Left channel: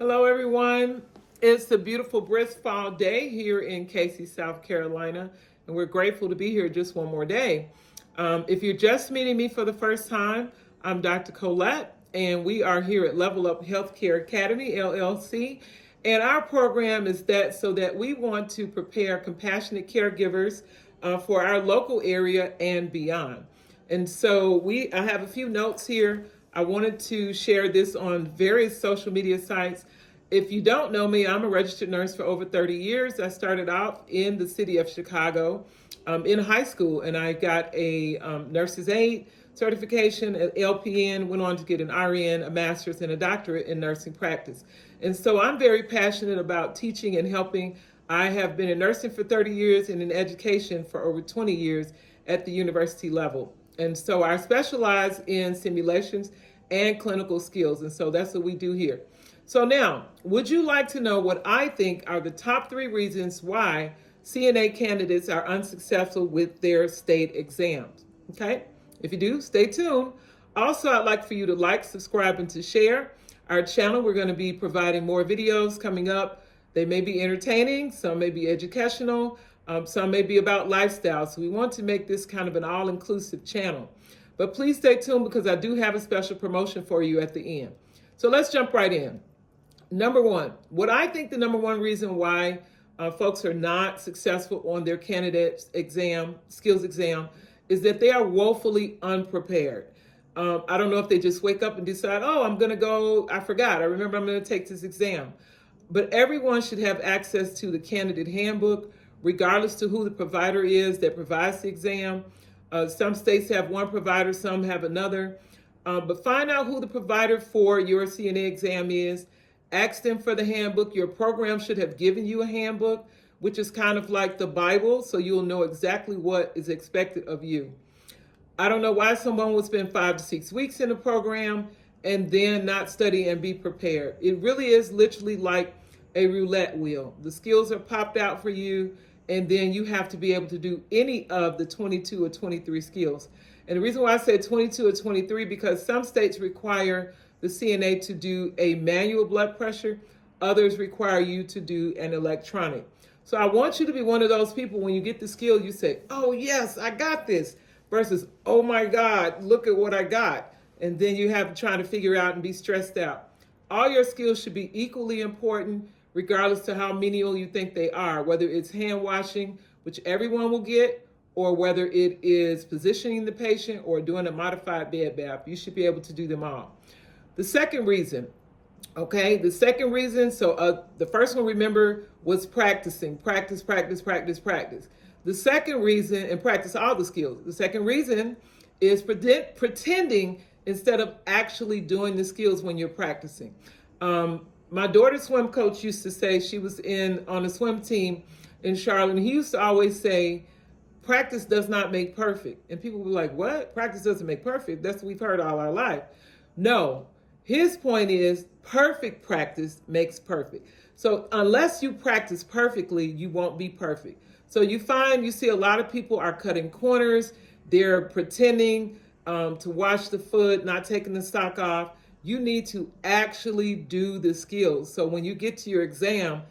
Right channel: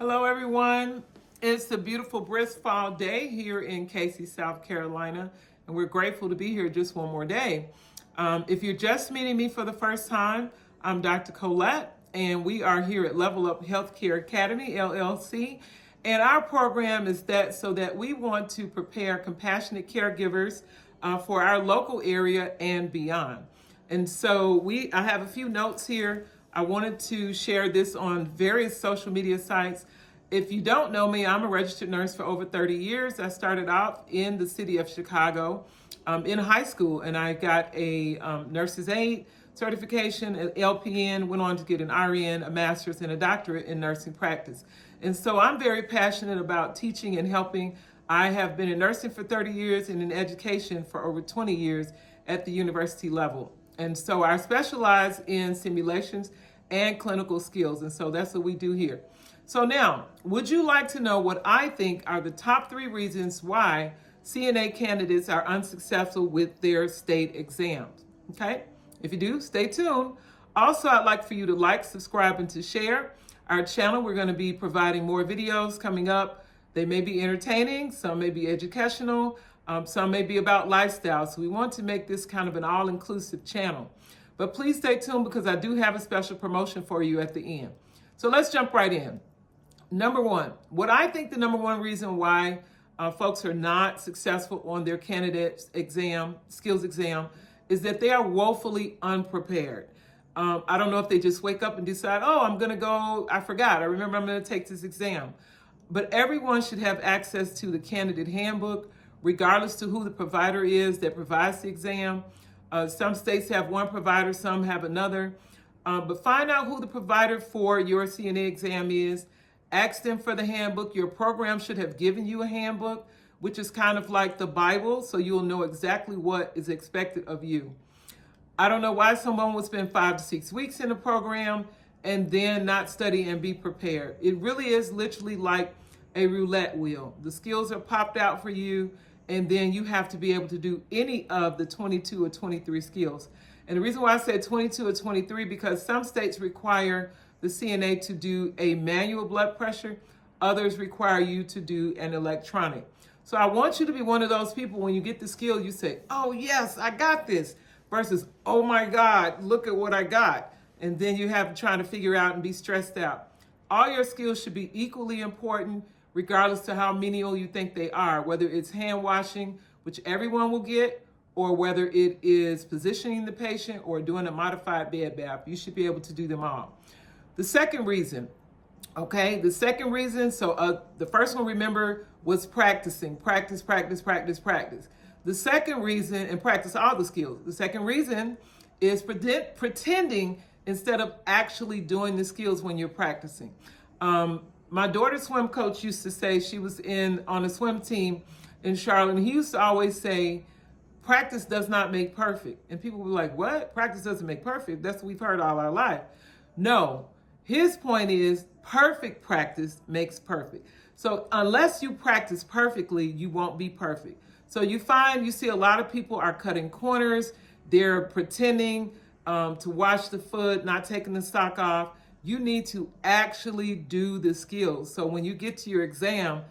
Hello, everyone. It's a beautiful, brisk fall day here in Casey, South Carolina, and we're grateful to be here just one more day. If you're just meeting me for the first time, I'm Dr. Colette, and we are here at Level Up Healthcare Academy, LLC. And our program is so that we want to prepare compassionate caregivers for our local area and beyond. And so I have a few notes here. I wanted to share this on various social media sites. If you don't know me, I'm a registered nurse for over 30 years. I started out in the city of Chicago in high school, and I got a nurse's aide certification, an LPN, went on to get an RN, a master's, and a doctorate in nursing practice. And so I'm very passionate about teaching and helping. I have been in nursing for 30 years and in education for over 20 years at the university level. And so I specialize in simulations and clinical skills. And so that's what we do here. So now, would you like to know what I think are the top 3 reasons why CNA candidates are unsuccessful with their state exams? Okay, if you do, stay tuned. Also, I'd like for you to like, subscribe, and to share our channel. We're going to be providing more videos coming up. They may be entertaining, some may be educational, some may be about lifestyle. So we want to make this kind of an all-inclusive channel. But please stay tuned because I do have a special promotion for you at the end. So let's jump right in. Number one, what I think the number one reason why folks are not successful on their candidate's exam, skills exam, is that they are woefully unprepared. I don't know if they just wake up and decide, oh, I'm going to go, I forgot, I remember I'm going to take this exam. But everyone should have access to the candidate handbook, regardless to who the provider is that provides the exam. Some states have one provider, some have another. But find out who the provider for your CNA exam is. Ask them for the handbook. Your program should have given you a handbook, which is kind of like the Bible, so you'll know exactly what is expected of you. I don't know why someone would spend 5 to 6 weeks in a program and then not study and be prepared. It really is literally like a roulette wheel. The skills are popped out for you, and then you have to be able to do any of the 22 or 23 skills. And the reason why I said 22 or 23, because some states require the CNA to do a manual blood pressure. Others require you to do an electronic. So I want you to be one of those people when you get the skill, you say, oh yes, I got this, versus, oh my God, look at what I got. And then you have to try to figure out and be stressed out. All your skills should be equally important, regardless to how menial you think they are, whether it's hand washing, which everyone will get, or whether it is positioning the patient or doing a modified bed bath. You should be able to do them all. The second reason, so the first one, remember, was practicing. Practice. The second reason, and practice all the skills. The second reason is pretending instead of actually doing the skills when you're practicing. My daughter's swim coach used to say, she was on a swim team in Charlotte, and he used to always say, practice does not make perfect. And people were like, what? Practice doesn't make perfect? That's what we've heard all our life. No. His point is perfect practice makes perfect. So unless you practice perfectly, you won't be perfect. So you see a lot of people are cutting corners. They're pretending to wash the foot, not taking the sock off. You need to actually do the skills. So when you get to your exam,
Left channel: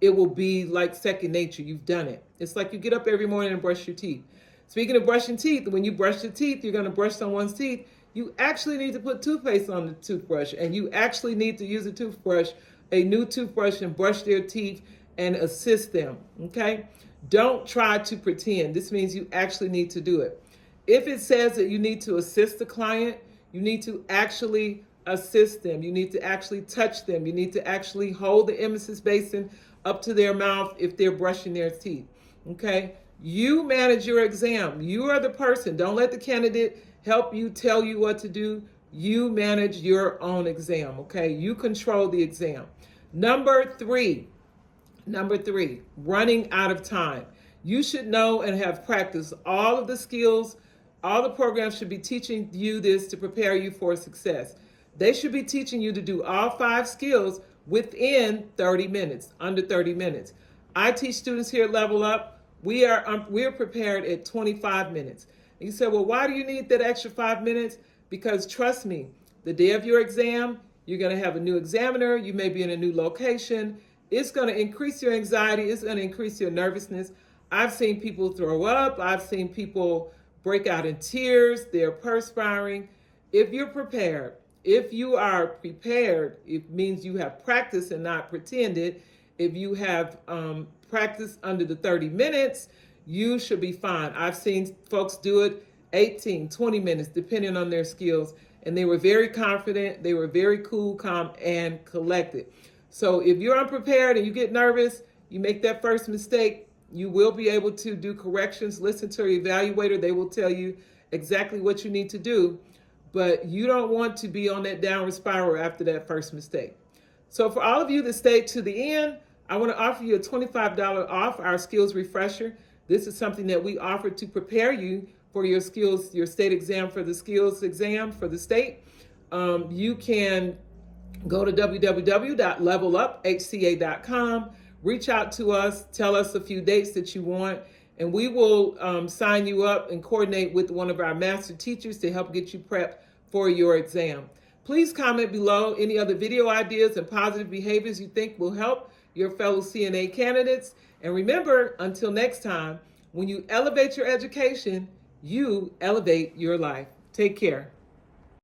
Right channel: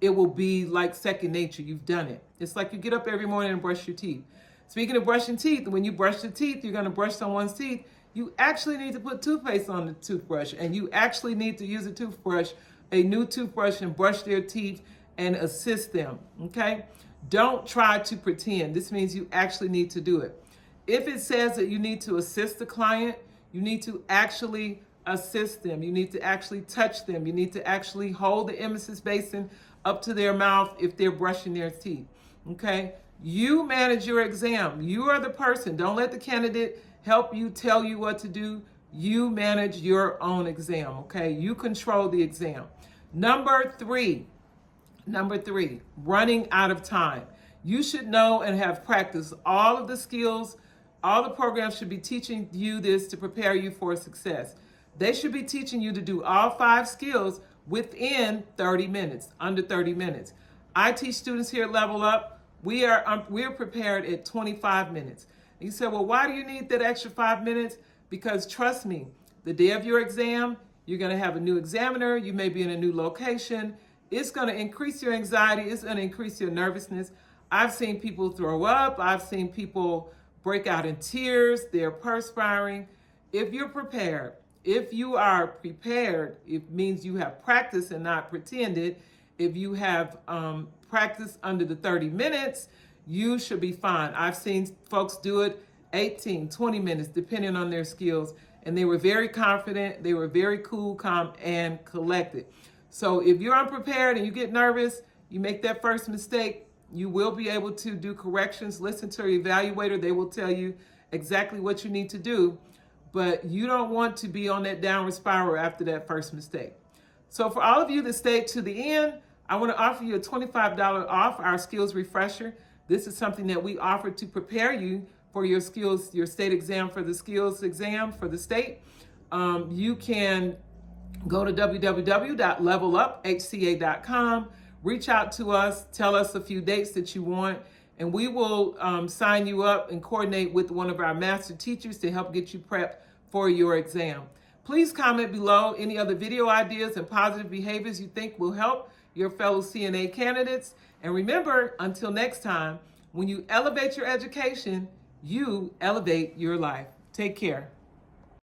it will be like second nature. You've done it. It's like you get up every morning and brush your teeth. Speaking of brushing teeth, when you brush your teeth, you're going to brush someone's teeth. You actually need to put toothpaste on the toothbrush, and you actually need to use a new toothbrush, and brush their teeth and assist them, okay? Don't try to pretend. This means you actually need to do it. If it says that you need to assist the client, you need to actually assist them. You need to actually touch them. You need to actually hold the emesis basin up to their mouth if they're brushing their teeth, okay? You manage your exam. You are the person. Don't let the candidate help you, tell you what to do. You manage your own exam, okay? You control the exam. Number three, running out of time. You should know and have practiced all of the skills. All the programs should be teaching you this to prepare you for success. They should be teaching you to do all 5 skills within 30 minutes, under 30 minutes. I teach students here at Level Up. We're prepared at 25 minutes. And you say, well, why do you need that extra 5 minutes? Because trust me, the day of your exam, You're going to have a new examiner. You may be in a new location. It's going to increase your anxiety. It's going to increase your nervousness. I've seen people throw up. I've seen people break out in tears. They're perspiring. If you're prepared, if you are prepared, it means you have practiced and not pretended. If you have practiced under the 30 minutes, you should be fine. I've seen folks do it 18, 20 minutes, depending on their skills. And they were very confident. They were very cool, calm, and collected. So if you're unprepared and you get nervous, you make that first mistake, you will be able to do corrections. Listen to your evaluator. They will tell you exactly what you need to do. But you don't want to be on that downward spiral after that first mistake. So for all of you that stayed to the end, I want to offer you a $25 off our skills refresher. This is something that we offer to prepare you for your skills, your state exam, for the skills exam for the state. You can go to www.leveluphca.com, reach out to us, tell us a few dates that you want, and we will sign you up and coordinate with one of our master teachers to help get you prepped for your exam. Please comment below any other video ideas and positive behaviors you think will help your fellow CNA candidates. And remember, until next time, when you elevate your education, you elevate your life. Take care.